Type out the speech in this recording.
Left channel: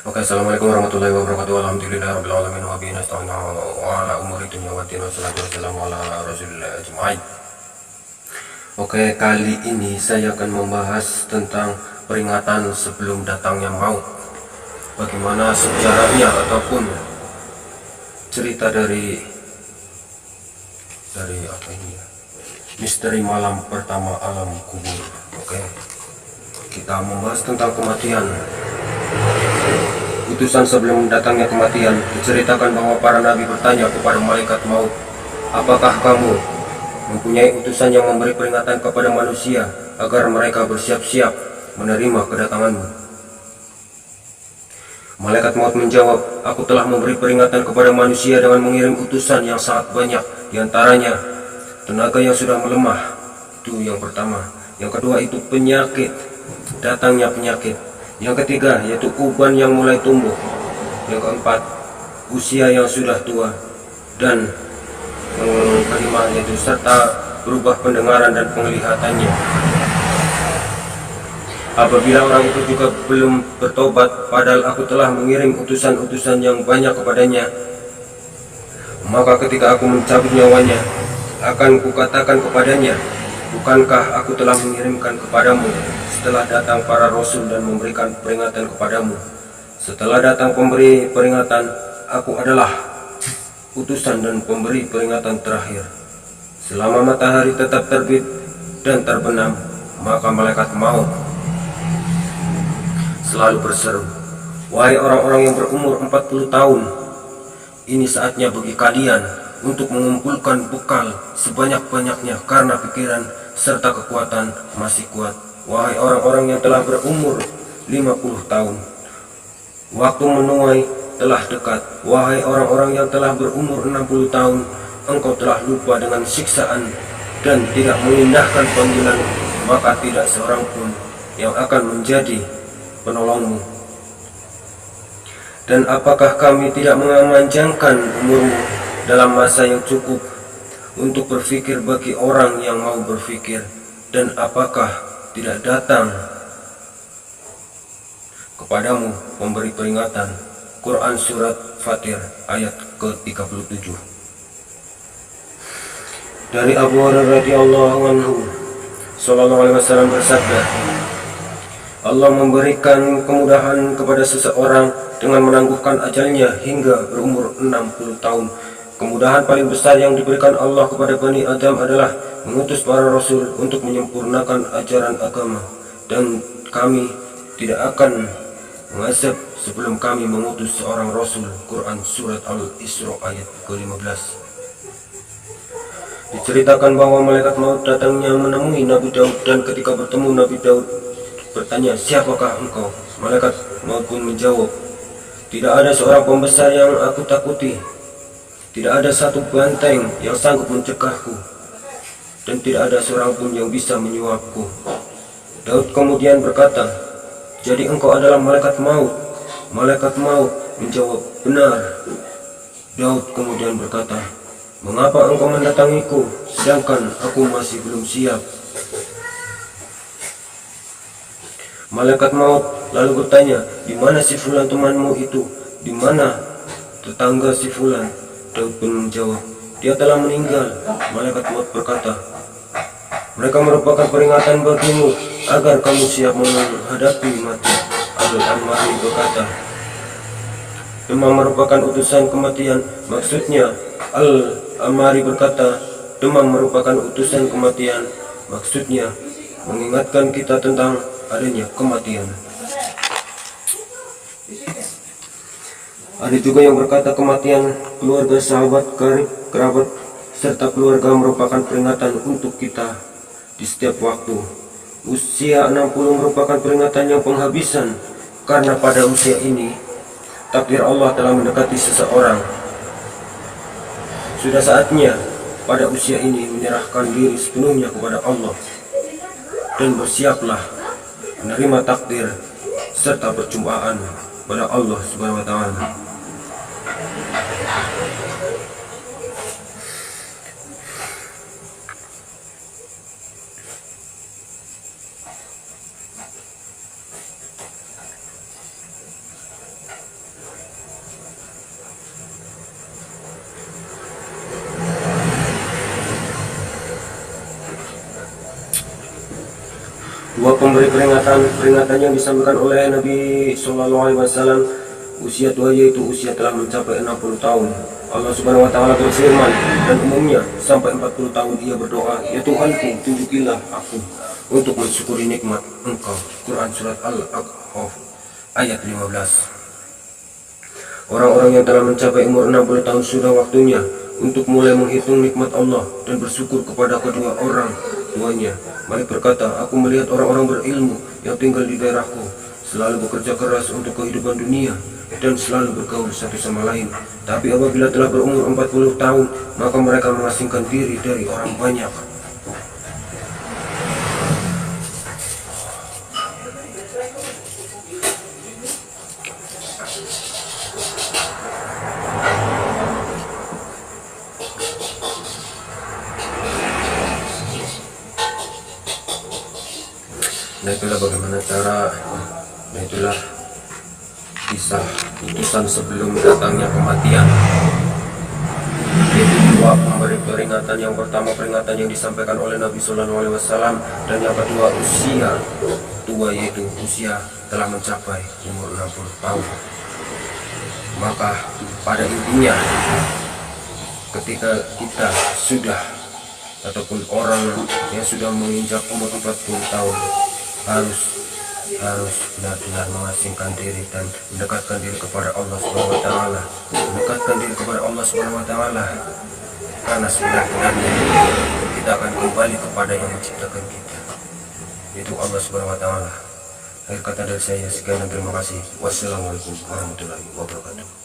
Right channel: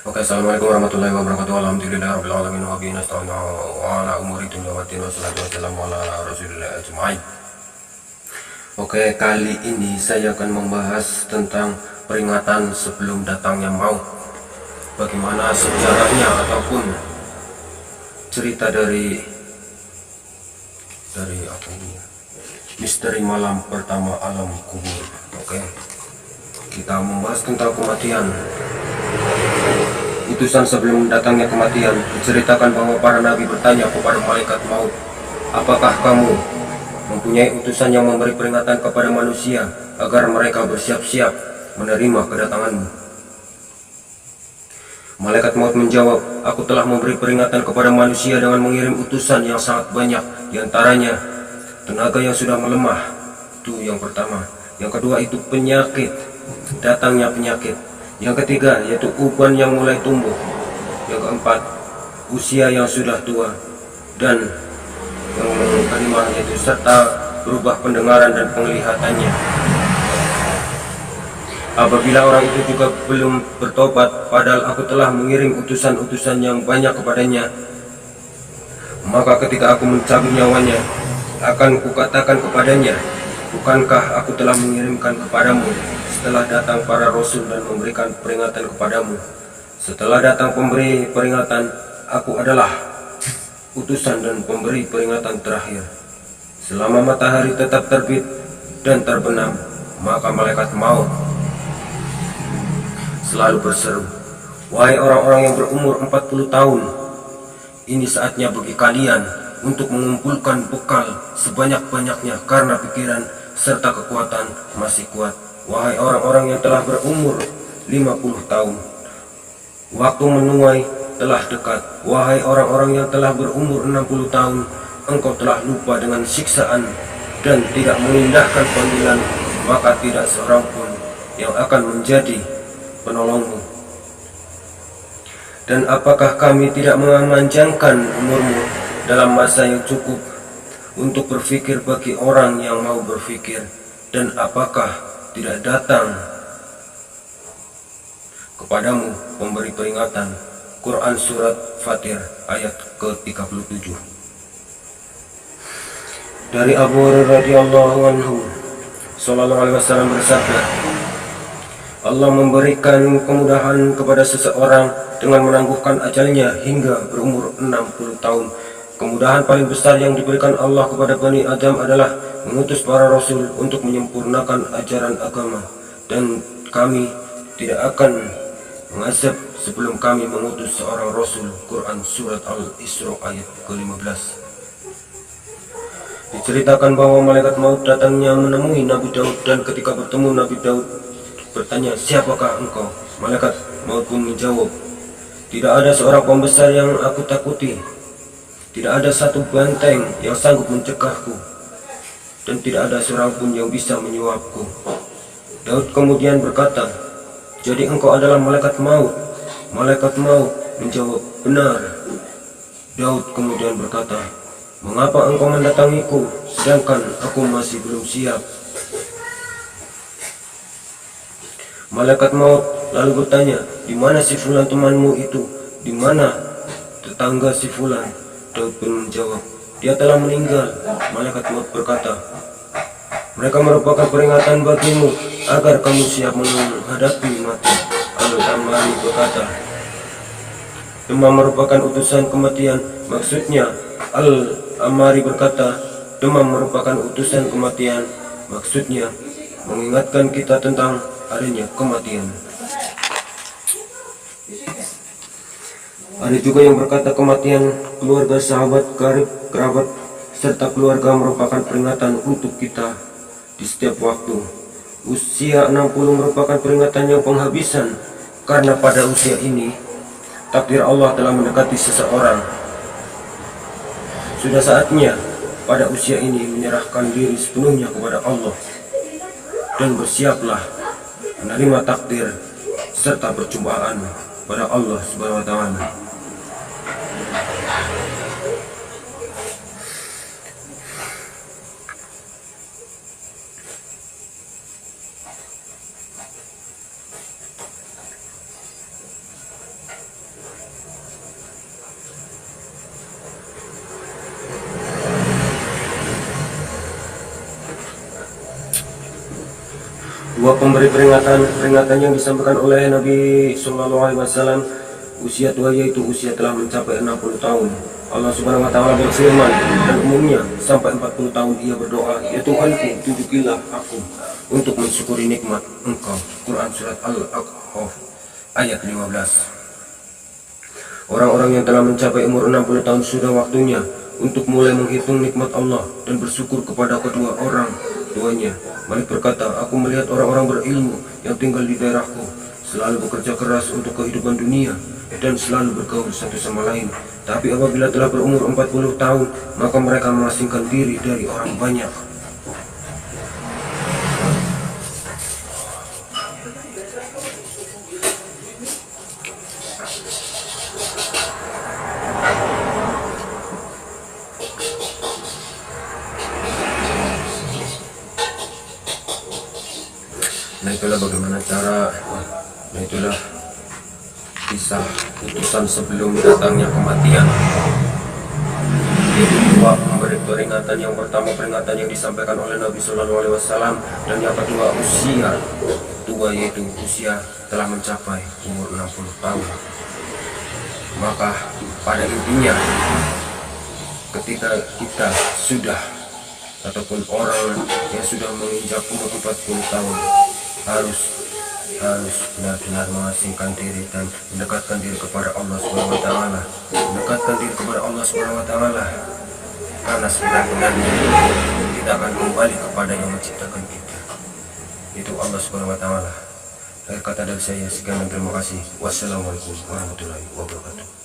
Oke, assalamualaikum warahmatullahi wabarakatuh. Alhamdulillahirabbil alamin wa bihi nasta'inu wa ala umuri dunya waddin wassalatu wassalamu ala rasulillah ajma'in. Oke, kali ini saya akan membahas tentang peringatan sebelum datangnya maut. Bagaimana sejarahnya ataupun cerita dari apa ini ya? Misteri malam pertama alam kubur. Oke. Kita membahas tentang kematian. Utusan sebelum datangnya kematian, diceritakan bahwa para nabi bertanya kepada malaikat maut, apakah kamu mempunyai utusan yang memberi peringatan kepada manusia agar mereka bersiap-siap menerima kedatanganmu? Malaikat maut menjawab, aku telah memberi peringatan kepada manusia dengan mengirim utusan yang sangat banyak, diantaranya tenaga yang sudah melemah, itu yang pertama. Yang kedua itu penyakit, datangnya penyakit. Yang ketiga yaitu uban yang mulai tumbuh. Yang keempat usia yang sudah tua. Dan yang kelima yaitu serta berubah pendengaran dan penglihatannya. Apabila orang itu juga belum bertobat, padahal aku telah mengirim utusan-utusan yang banyak kepadanya, maka ketika aku mencabut nyawanya, akan kukatakan kepadanya, bukankah aku telah mengirimkan kepadamu setelah datang para rasul dan memberikan peringatan kepadamu? Setelah datang pemberi peringatan, aku adalah utusan dan pemberi peringatan terakhir. Selama matahari tetap terbit dan terbenam, maka malaikat maut selalu berseru, wahai orang-orang yang berumur 40 tahun, ini saatnya bagi kalian untuk mengumpulkan bekal sebanyak-banyaknya karena pikiran serta kekuatan masih kuat. Wahai orang-orang yang telah berumur 50 tahun, waktu menuai telah dekat. Wahai orang-orang yang telah berumur 60 tahun, engkau telah lupa dengan siksaan dan tidak mengindahkan panggilan, maka tidak seorang pun yang akan menjadi penolongmu. Dan apakah kami tidak memanjangkan umurmu dalam masa yang cukup untuk berfikir bagi orang yang mau berfikir? Dan apakah tidak datang kepadamu memberi peringatan? Quran Surat Fatir ayat ke-37. Dari Abu Hurairah radhiyallahu anhu sallallahu alaihi wasallam bersabda, Allah memberikan kemudahan kepada seseorang dengan menangguhkan ajalnya hingga berumur 60 tahun. Kemudahan paling besar yang diberikan Allah kepada Bani Adam adalah mengutus para rasul untuk menyempurnakan ajaran agama, dan kami tidak akan mengazab sebelum kami mengutus seorang rasul. Quran Surat Al-Isra ayat ke-15. Diceritakan bahwa malaikat maut datangnya menemui Nabi Daud, dan ketika bertemu Nabi Daud bertanya, siapakah engkau? Malaikat maut pun menjawab, tidak ada seorang pembesar yang aku takuti, tidak ada satu banteng yang sanggup mencegahku, dan tidak ada seorang pun yang bisa menyuapku. Daud kemudian berkata, jadi engkau adalah malaikat maut? Malaikat maut menjawab, benar. Daud kemudian berkata, mengapa engkau mendatangiku sedangkan aku masih belum siap? Malaikat maut lalu bertanya, di mana si fulan temanmu itu? Di mana tetangga si fulan? Daud pun menjawab, dia telah meninggal. Malaikat maut berkata, mereka merupakan peringatan bagimu agar kamu siap menghadapi mati. Al-Amari berkata, demam merupakan utusan kematian. Maksudnya, Al-Amari berkata, demam merupakan utusan kematian. Maksudnya, mengingatkan kita tentang adanya kematian. Ada juga yang berkata kematian keluarga, sahabat, karib, kerabat, serta keluarga merupakan peringatan untuk kita di setiap waktu. Usia 60 merupakan peringatan yang penghabisan, karena pada usia ini takdir Allah telah mendekati seseorang. Sudah saatnya pada usia ini menyerahkan diri sepenuhnya kepada Allah, dan bersiaplah menerima takdir serta perjumpaan pada Allah Subhanahu wa taala. Dua pemberi peringatan yang disampaikan oleh Nabi Shallallahu Alaihi Wasallam, usia tua yaitu usia telah mencapai 60 tahun. Allah Subhanahu Wa Taala berfirman, dan umumnya sampai 40 tahun ia berdoa, ya Tuhanku, tunjukilah aku untuk mensyukuri nikmat Engkau. Quran surat Al-A'raf ayat 15. Orang-orang yang telah mencapai umur 60 tahun sudah waktunya untuk mulai menghitung nikmat Allah dan bersyukur kepada kedua orang tuanya. Malik berkata, aku melihat orang-orang berilmu yang tinggal di daerahku selalu bekerja keras untuk kehidupan dunia dan selalu bergaul satu sama lain. Tapi apabila telah berumur 40 tahun, maka mereka mengasingkan diri dari orang banyak. Nah itulah bagaimana cara, nah itulah kisah putusan sebelum datangnya kematian. Yaitu dua memberi peringatan. Yang pertama peringatan yang disampaikan oleh Nabi Shallallahu Alaihi Wasallam, dan yang kedua usia tua yaitu usia telah mencapai umur 60 tahun. Maka pada intinya ketika kita sudah ataupun orang yang sudah menginjak umur 40 tahun harus benar-benar mengasingkan diri dan mendekatkan diri kepada Allah Subhanahu Wa Taala, karena sebenarnya kita akan kembali kepada yang menciptakan kita, yaitu Allah Subhanahu Wa Taala. Akhir kata dari saya sekian dan terima kasih. Wassalamualaikum warahmatullahi wabarakatuh.